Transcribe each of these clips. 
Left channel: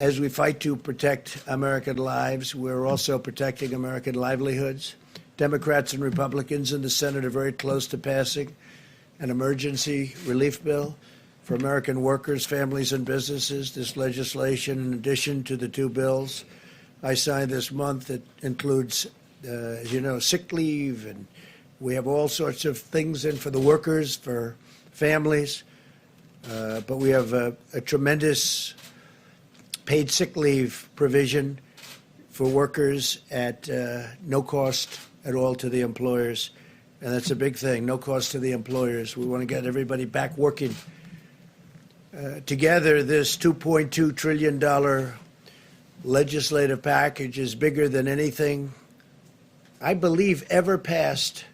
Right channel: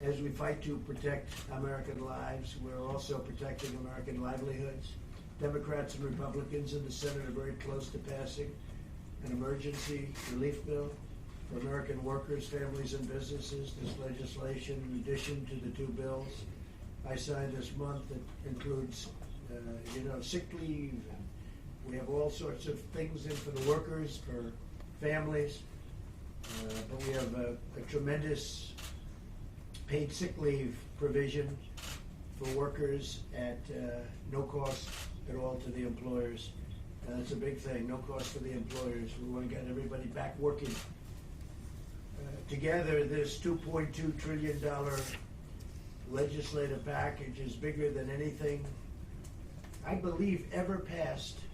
As we fight to protect American lives, we're also protecting American livelihoods. Democrats and Republicans in the Senate are very close to passing an emergency relief bill for American workers, families, and businesses. This legislation, in addition to the two bills I signed this month, it includes, sick leave, and we have all sorts of things in for the workers, for families. But we have a tremendous paid sick leave provision for workers at no cost at all to the employers. And that's a big thing, no cost to the employers. We want to get everybody back working. Together, this $2.2 trillion legislative package is bigger than anything, I believe, ever passed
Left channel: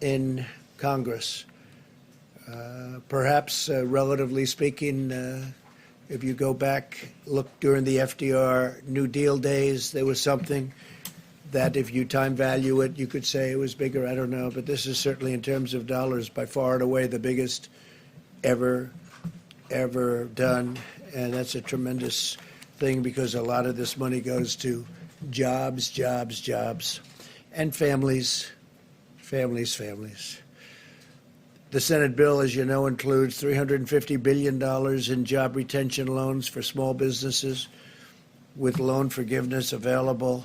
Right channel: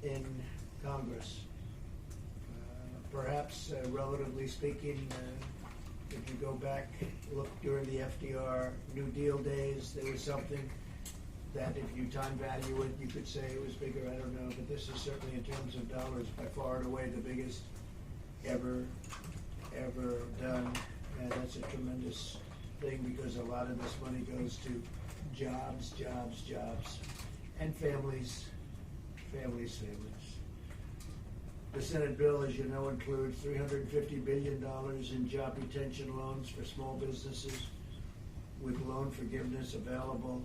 in Congress. Perhaps, relatively speaking, if you go back, look during the FDR New Deal days, there was something that if you time value it, you could say it was bigger. I don't know. But this is certainly, in terms of dollars, by far and away the biggest ever done. And that's a tremendous thing because a lot of this money goes to jobs, and families. The Senate bill, as you know, includes $350 billion in job retention loans for small businesses, with loan forgiveness available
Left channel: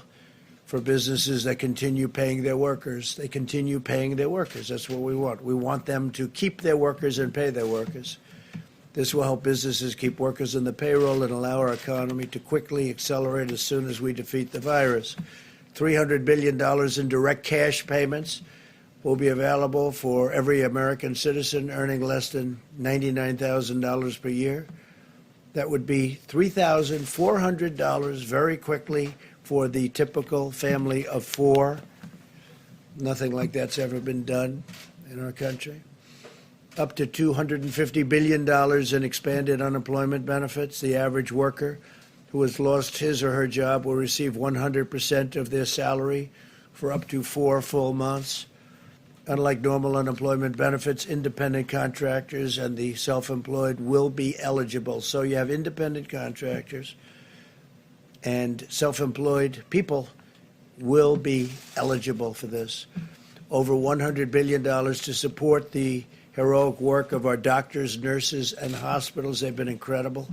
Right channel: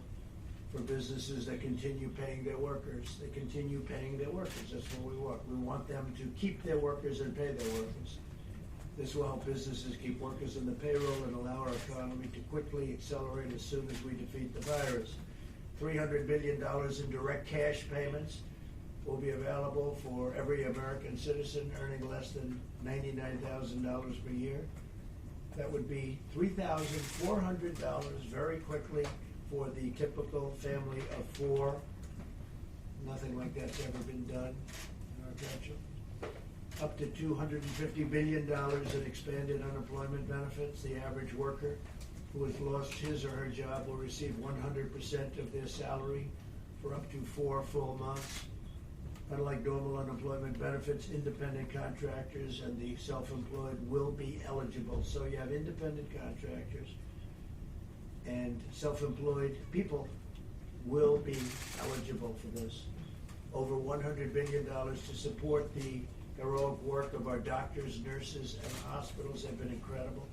for businesses that continue paying their workers. They continue paying their workers. That's what we want. We want them to keep their workers and pay their workers. This will help businesses keep workers on the payroll and allow our economy to quickly accelerate as soon as we defeat the virus. $300 billion in direct cash payments will be available for every American citizen earning less than $99,000 per year. That would be $3,400 very quickly for the typical family of four. Nothing like that's ever been done in our country. Up to $250 billion in expanded unemployment benefits. The average worker who has lost his or her job will receive 100% of their salary for up to 4 full months. Unlike normal unemployment benefits, independent contractors and the self-employed will be eligible. So you have independent contractors and self-employed people will be eligible for this. Over $100 billion to support the heroic work of our doctors, nurses, and hospitals. They've been incredible.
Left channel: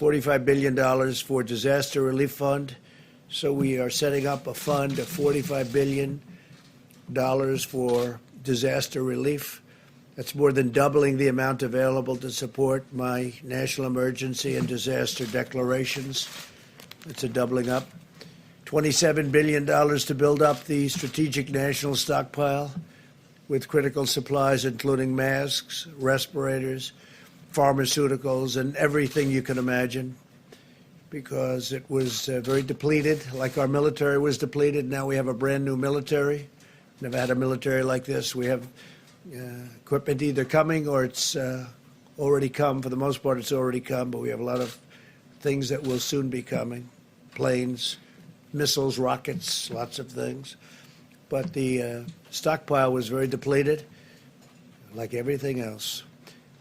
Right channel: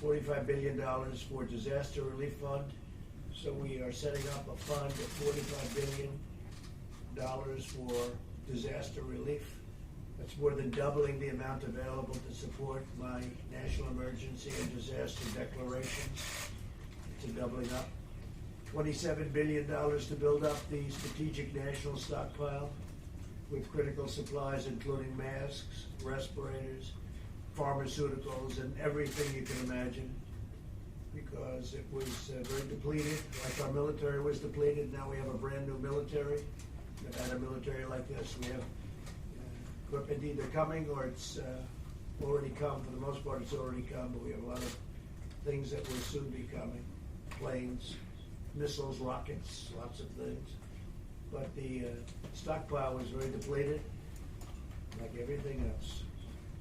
$45 billion for disaster relief fund. So we are setting up a fund of $45 billion for disaster relief. That's more than doubling the amount available to support my national emergency and disaster declarations. It's a doubling up. $27 billion to build up the strategic national stockpile with critical supplies, including masks, respirators, pharmaceuticals, and everything you can imagine, because it was very depleted, like our military was depleted. Now we have a brand new military. Never had a military like this. We have equipment either coming or it's already come. For the most part, it's already come, but we have a lot of things that will soon be coming. Planes, missiles, rockets, lots of things. But the stockpile was very depleted, like everything else.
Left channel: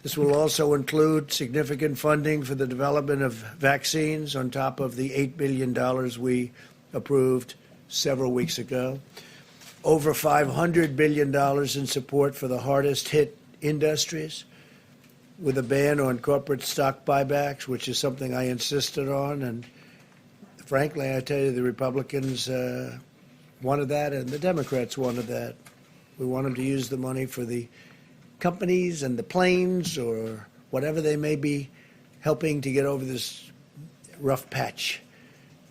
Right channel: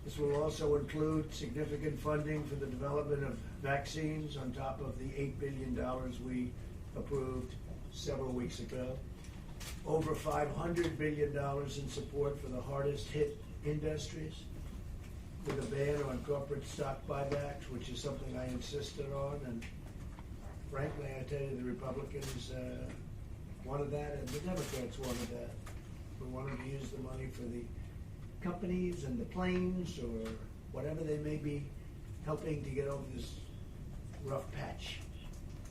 This will also include significant funding for the development of vaccines on top of the $8 billion we approved several weeks ago. Over $500 billion in support for the hardest hit industries, with a ban on corporate stock buybacks, which is something I insisted on. And frankly, I tell you, the Republicans wanted that and the Democrats wanted that. We want them to use the money for the companies and the planes or whatever they may be helping to get over this rough patch.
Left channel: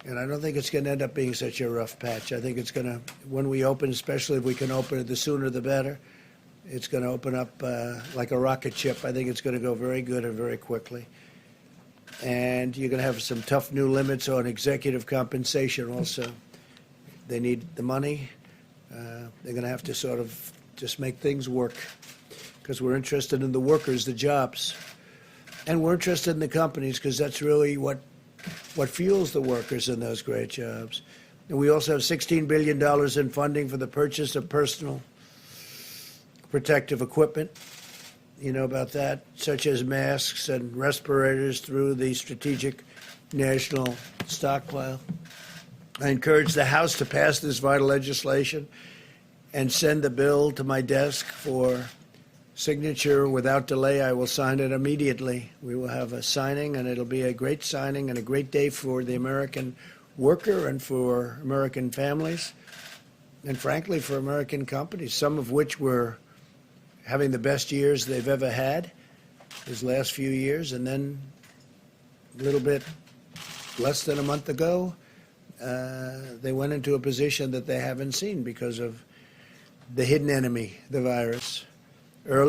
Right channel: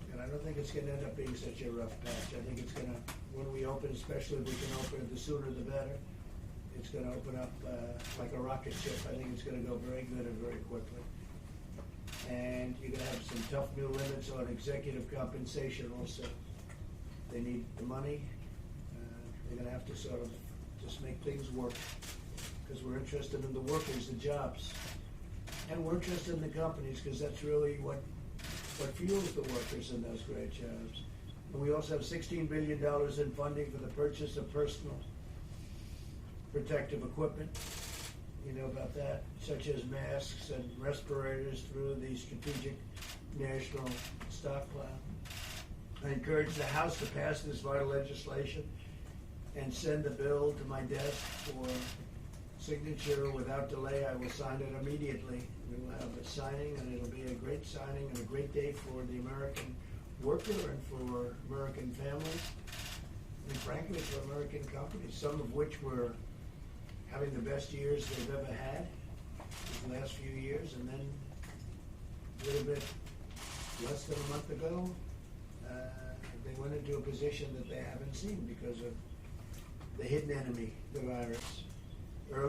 And I don't think it's going to end up being such a rough patch. I think it's going to, when we open, especially if we can open it, the sooner the better, it's going to open up like a rocket ship. I think it's going to go very good and very quickly. And you're going to have some tough new limits on executive compensation also. They need the money. They're going to have to sort of just make things work, because we're interested in the workers, the jobs. And we're interested in the companies, because that's really what fuels the workers in those great jobs. And we also have $16 billion in funding for the purchase of personal protective equipment. You know about that, such as masks and respirators through the Strategic national stockpile. I encourage the House to pass this vital legislation and send the bill to my desk for signature without delay. I will sign it immediately. We will have a signing, and it'll be a great signing and a great day for the American worker and for American families, and frankly for American companies, some of which were having the best years they've ever had these last few years, and then a little bit less than a month ago, they went into a position that they haven't seen because of the hidden enemy, the virus.